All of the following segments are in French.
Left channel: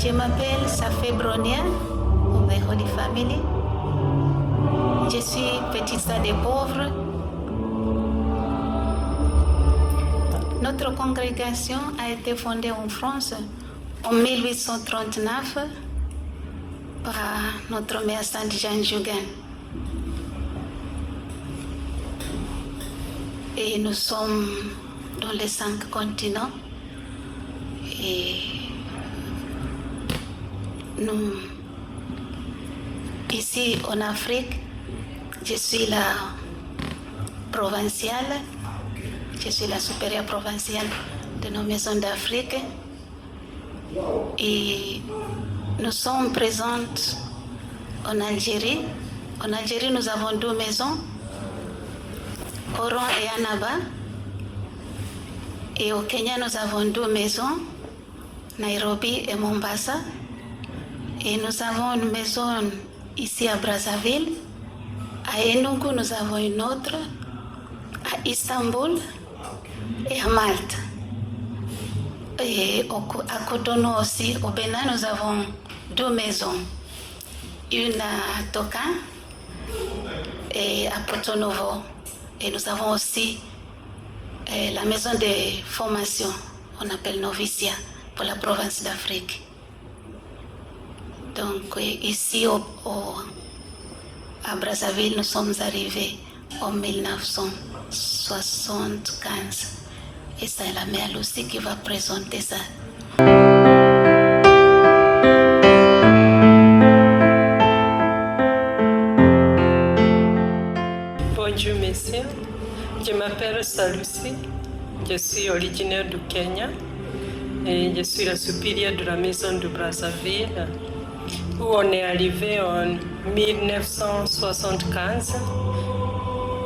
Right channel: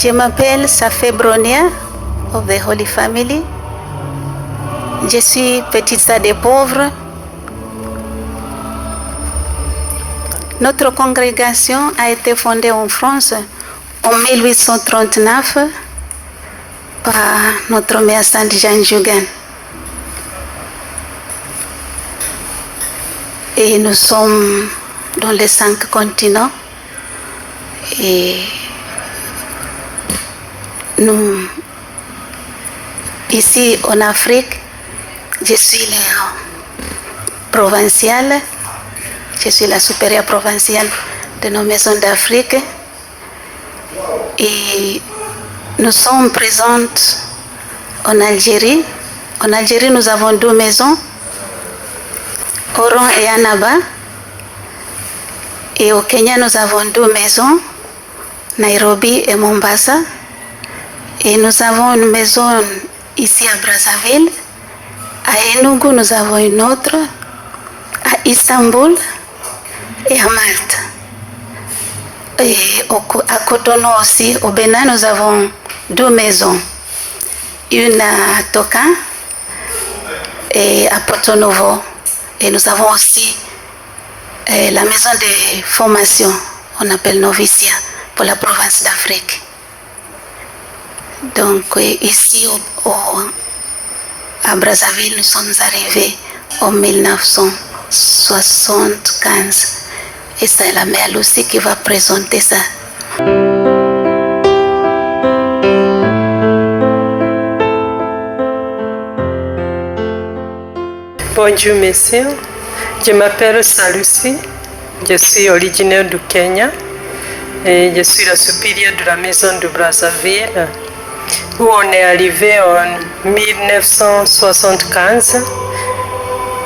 Je m'appelle Safé Bronia of the Holy Family. Je suis petite sœur des pauvres. Notre congrégation a été fondée en France en 1839 par notre mère Sainte Jeanne Jugan. Et nous sommes dans les 5 continents. Et nous, ici en Afrique, je suis la provinciale, je suis la supérieure provinciale de nos maisons d'Afrique. Et nous sommes présentes en Algérie. En Algérie, nous avons 2 maisons, Oran et Annaba. Et au Kenya, nous avons 2 maisons, Nairobi et Mombasa. Et nous avons une maison ici à Brazzaville. À Enugu, nous avons une autre. À Istanbul et à Malte. Et à Cotonou aussi, au Bénin, nous avons 2 maisons. Une à Toka et à Porto Novo. Et nous avons aussi la maison de formation, on appelle Novicia, pour la province d'Afrique. Donc ici à Brazzaville, nous sommes arrivés en 1975. Et c'est la mère Lucie qui va présenter ça. Bonjour messieurs, je m'appelle Salusi, je suis originaire du Kenya et je suis la supérieure de la maison de Brazzaville où on est arrivé en 1975,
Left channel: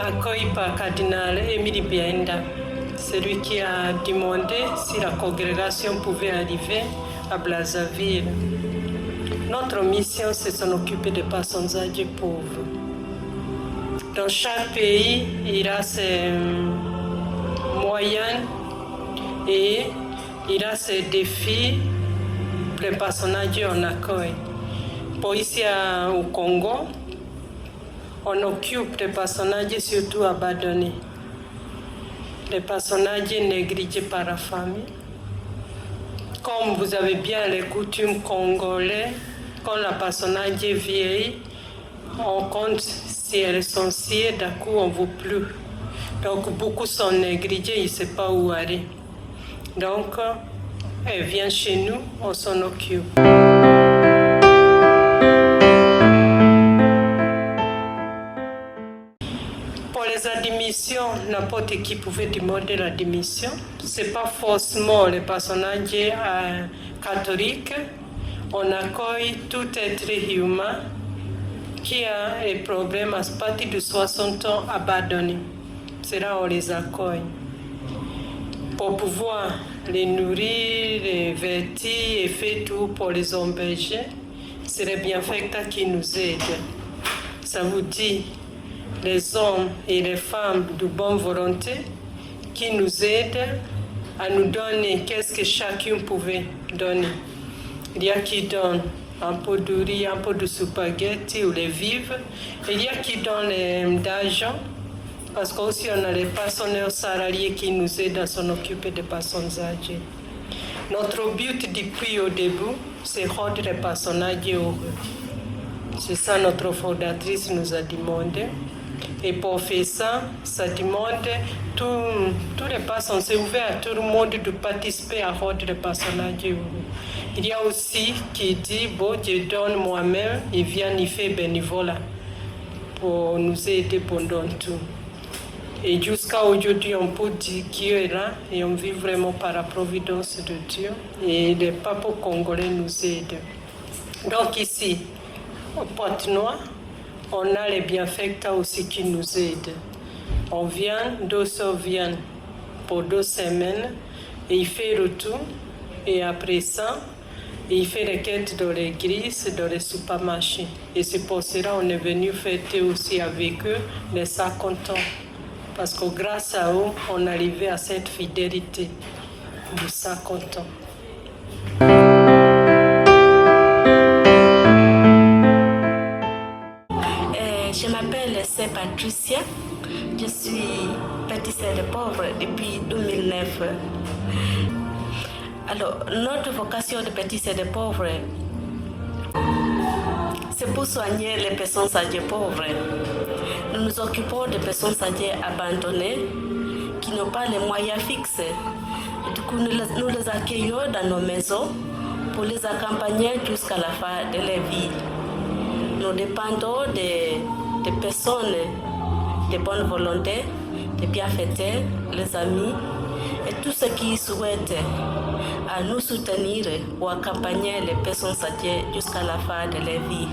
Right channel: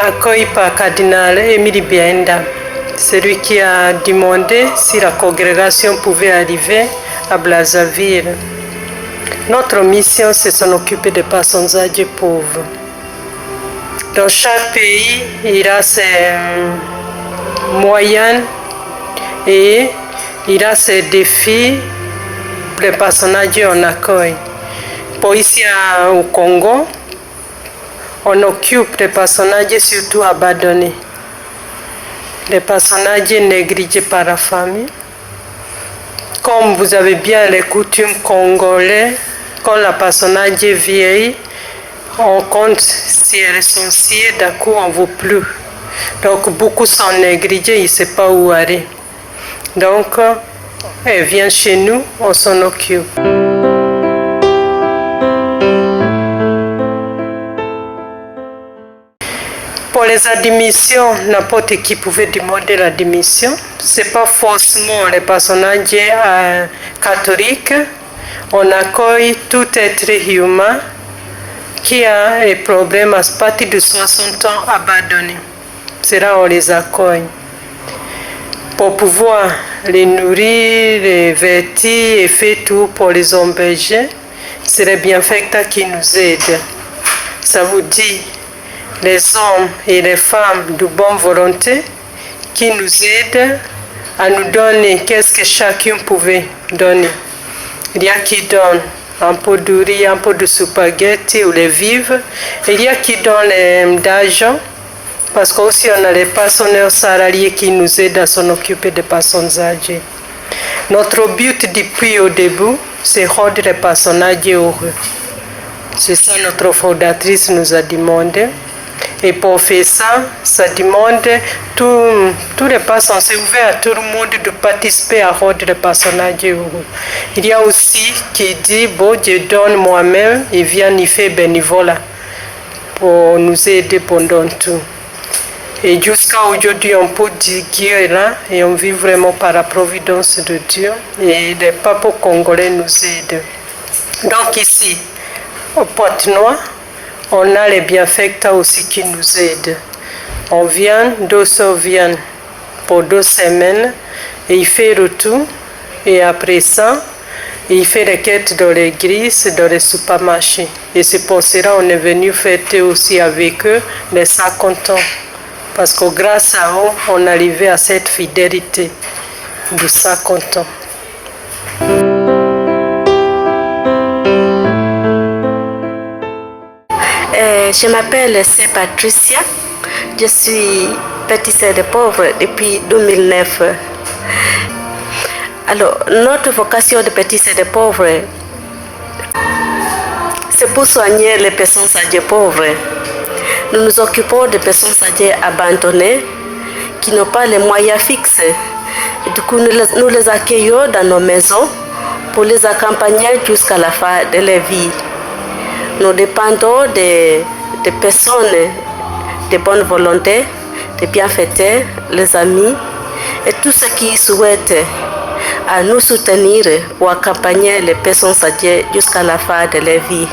accueilli par Cardinal Émile Bienda, celui qui a demandé si la congrégation pouvait arriver à Brazzaville. Notre mission, c'est s'en occuper des personnes âgées pauvres. Dans chaque pays, il y a ses moyens et il y a ses défis pour les personnes âgées en accueil. Pour ici au Congo, on occupe les personnes âgées surtout abandonnées. Les personnes âgées négligées par la famille. Comme vous avez bien les coutumes congolais, quand la personne âgée vieillit, on compte si elle est sensible, d'un coup on ne veut plus. Donc beaucoup sont négligés, ils ne savent pas où aller. Donc elle vient chez nous, on s'en occupe. Pour les admissions, n'importe qui pouvait demander l'admission. Ce n'est pas forcément les personnes âgées catholiques. On accueille tout être humain qui a des problèmes à partir de 60 ans abandonnés. C'est là on les accueille. Pour pouvoir les nourrir, les vêtir et faire tout pour les héberger, c'est les bienfaiteurs qui nous aident. Ça vous dit les hommes et les femmes de bonne volonté qui nous aident à nous donner qu'est-ce que chacun pouvait donner. Il y a qui donnent un peu de riz, un peu de spaghetti ou les vivres. Il y a qui donnent d'argent parce qu'aussi on a les personnels salariés qui nous aident à s'en occuper des personnes âgées. Notre but depuis au début, c'est rendre les personnes âgées heureux. C'est ça notre fondatrice nous a demandé. Et pour faire ça, ça demande tous les personnes, c'est ouvert à tout le monde de participer à rendre les personnes âgées heureux. Il y a aussi qui dit, bon, je donne moi-même, et vient y faire bénévolat pour nous aider pendant tout. Et jusqu'à aujourd'hui, on peut dire Dieu est là et on vit vraiment par la providence de Dieu. Et les peuples congolais nous aident. Donc ici, au Pointe-Noire, on a les bienfaiteurs aussi qui nous aident. On vient, 200 viennent pour 2 semaines et il fait le tout. Et après ça, il fait les quêtes dans l'église, dans les supermarchés. Et c'est pour cela qu'on est venu fêter aussi avec eux les 50 ans. Parce que grâce à eux, on est arrivé à cette fidélité de 50 ans. Je m'appelle c'est Patricia. Je suis pâtissière de pauvres depuis 2009. Alors, notre vocation de pâtissière de pauvres, c'est pour soigner les personnes âgées pauvres. Nous nous occupons de personnes âgées abandonnées qui n'ont pas les moyens fixes. Du coup, nous les accueillons dans nos maisons pour les accompagner jusqu'à la fin de leur vie. Nous dépendons des personnes de bonne volonté, des bienfaiteurs, les amis et tous ceux qui souhaitent à nous soutenir pour accompagner les personnes âgées jusqu'à la fin de leur vie.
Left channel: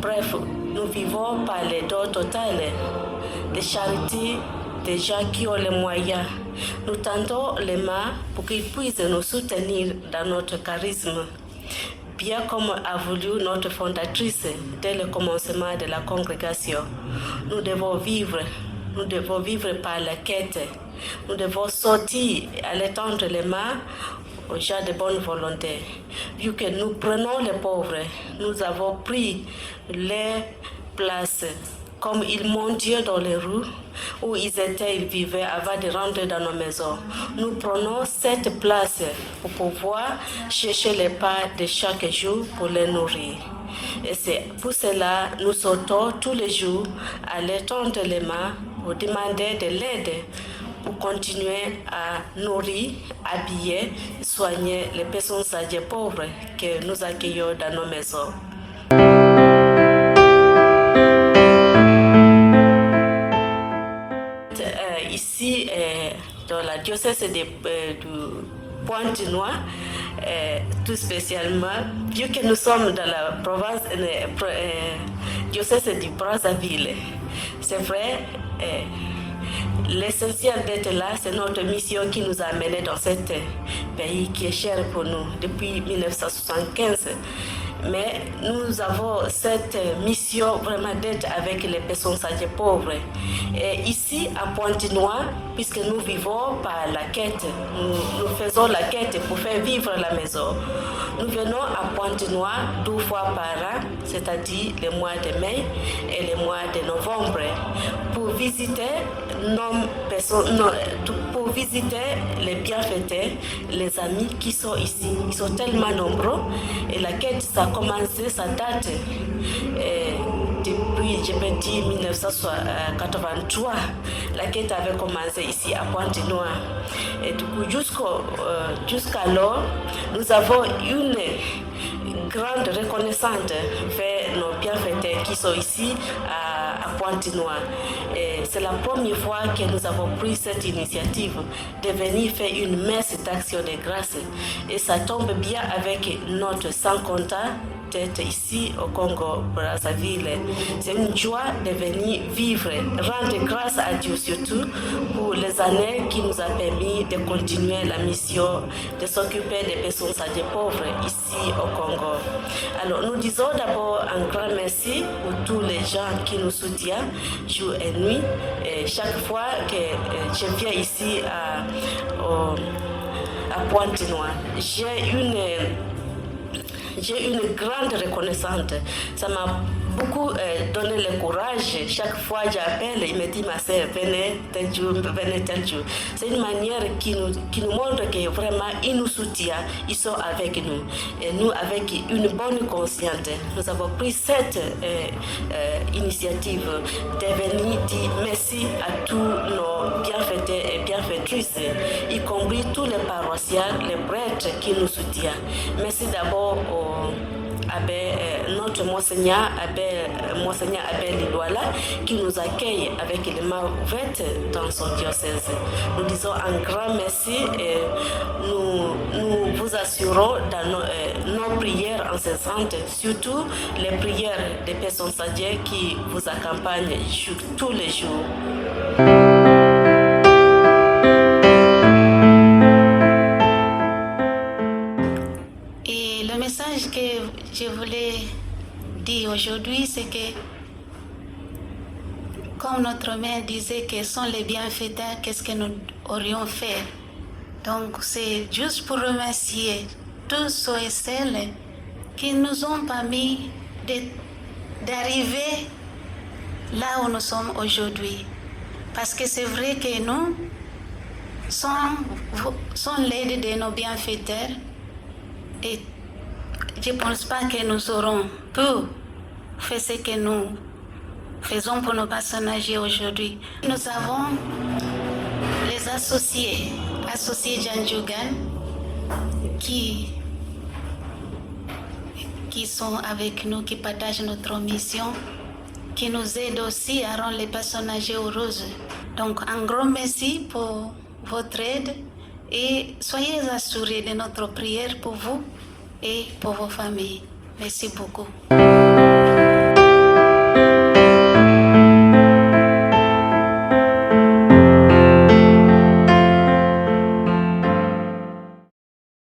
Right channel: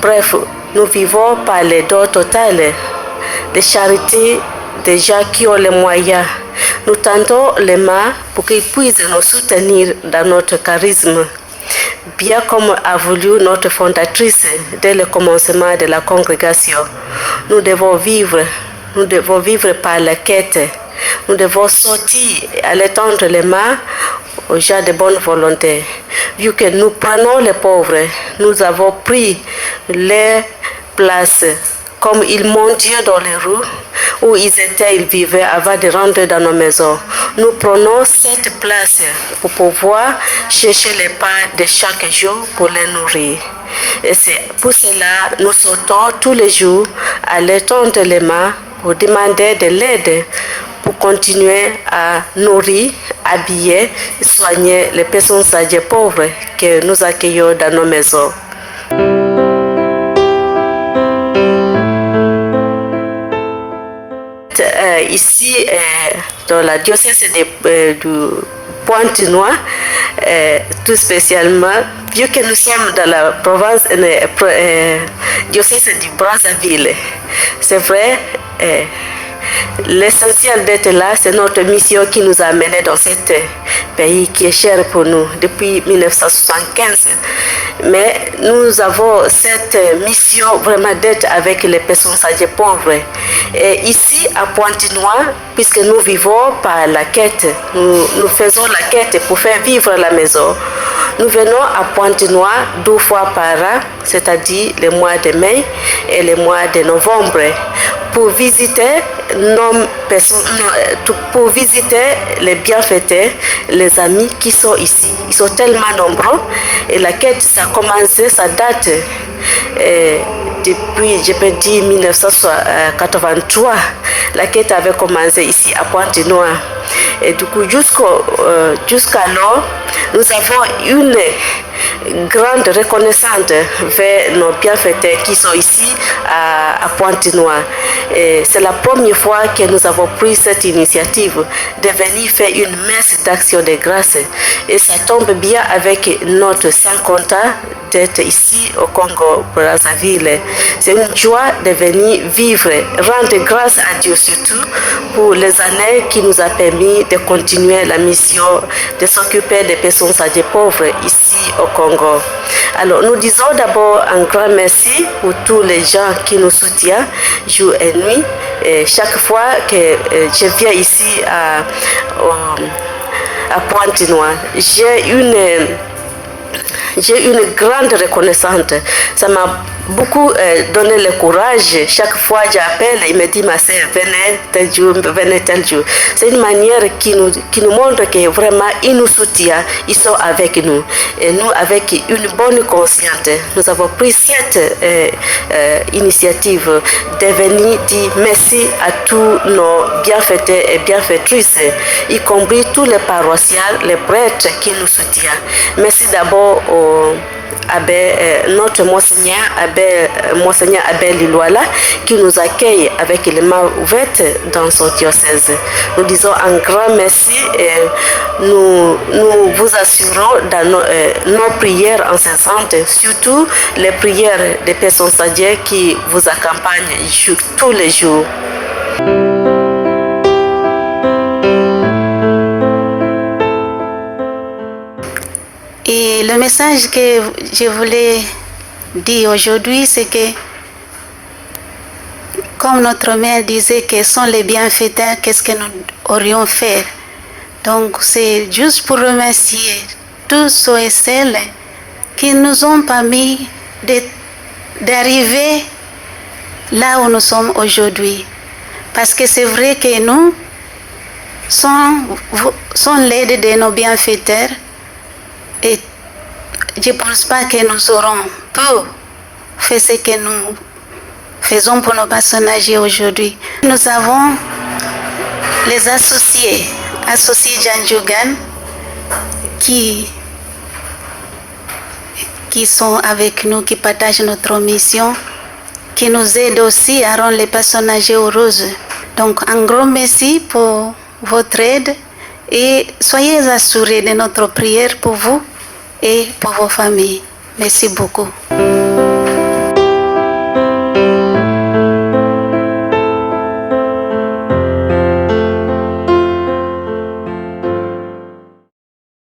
Bref, nous vivons par les dons totales, des charités des gens qui ont les moyens. Nous tendons les mains pour qu'ils puissent nous soutenir dans notre charisme, bien comme a voulu notre fondatrice dès le commencement de la congrégation. Nous devons vivre par la quête. Nous devons sortir et aller tendre les mains aux gens de bonne volonté. Vu que nous prenons les pauvres, nous avons pris les places comme ils mendiaient dans les rues où ils vivaient avant de rentrer dans nos maisons. Nous prenons cette place pour pouvoir chercher les pains de chaque jour pour les nourrir. Et c'est pour cela que nous sortons tous les jours à les tendre les mains pour demander de l'aide pour continuer à nourrir, habiller et soigner les personnes âgées pauvres que nous accueillons dans nos maisons. Ici, dans la diocèse du Pointe-Noire, tout spécialement, vu que nous sommes dans la province, diocèse du Brazzaville, c'est vrai, l'essentiel d'être là, c'est notre mission qui nous a amenés dans ce pays qui est cher pour nous depuis 1975. Mais nous avons cette mission vraiment d'être avec les personnes âgées pauvres. Et ici, à Pointe-Noire, puisque nous vivons par la quête, nous faisons la quête pour faire vivre la maison. Nous venons à Pointe-Noire 2 fois par an, c'est-à-dire le mois de mai et le mois de novembre, pour visiter pour visiter les bienfaiteurs, les amis qui sont ici. Ils sont tellement nombreux et la quête, ça a commencé, ça date depuis, je peux dire, 1983. La quête avait commencé ici à Pointe-Noire. Et du coup, jusqu'alors, nous avons une grande reconnaissance vers nos bienfaiteurs qui sont ici à Pointe-Noire. C'est la première fois que nous avons pris cette initiative de venir faire une messe d'action de grâce. Et ça tombe bien avec notre sans compta d'être ici au Congo-Brazzaville. C'est une joie de venir vivre, rendre grâce à Dieu surtout pour les années qui nous a permis de continuer la mission de s'occuper des personnes âgées pauvres ici au Congo. Alors nous disons d'abord un grand merci pour tous les gens qui nous soutiennent jour et nuit. Et chaque fois que je viens ici à Pointe-Noire, j'ai une grande reconnaissance. Ça m'a beaucoup donné le courage. Chaque fois que j'appelle, il me dit, ma sœur, venez tel jour, venez tel jour. C'est une manière qui nous montre que vraiment, ils nous soutiennent, ils sont avec nous. Et nous, avec une bonne conscience, nous avons pris cette initiative de venir dire merci à tous nos bienfaiteurs et bienfaitrices, y compris tous les paroissiens, les prêtres qui nous soutiennent. Merci d'abord notre Monseigneur Abel Lilouala qui nous accueille avec les mains ouvertes dans son diocèse. Nous disons un grand merci et nous vous assurons dans nos prières incessantes, surtout les prières des personnes âgées qui vous accompagnent tous les jours. Et le message que je voulais dire aujourd'hui, c'est que, comme notre mère disait, que sont les bienfaiteurs, qu'est-ce que nous aurions fait? Donc, c'est juste pour remercier tous ceux et celles qui nous ont permis d'arriver là où nous sommes aujourd'hui. Parce que c'est vrai que nous, sans l'aide de nos bienfaiteurs, et je ne pense pas que nous aurons pu faire ce que nous faisons pour nos personnes âgées aujourd'hui. Nous avons les associés Janjugan, qui sont avec nous, qui partagent notre mission, qui nous aident aussi à rendre les personnes âgées heureuses. Donc, un grand merci pour votre aide et soyez assurés de notre prière pour vous et pour vos familles. Merci beaucoup.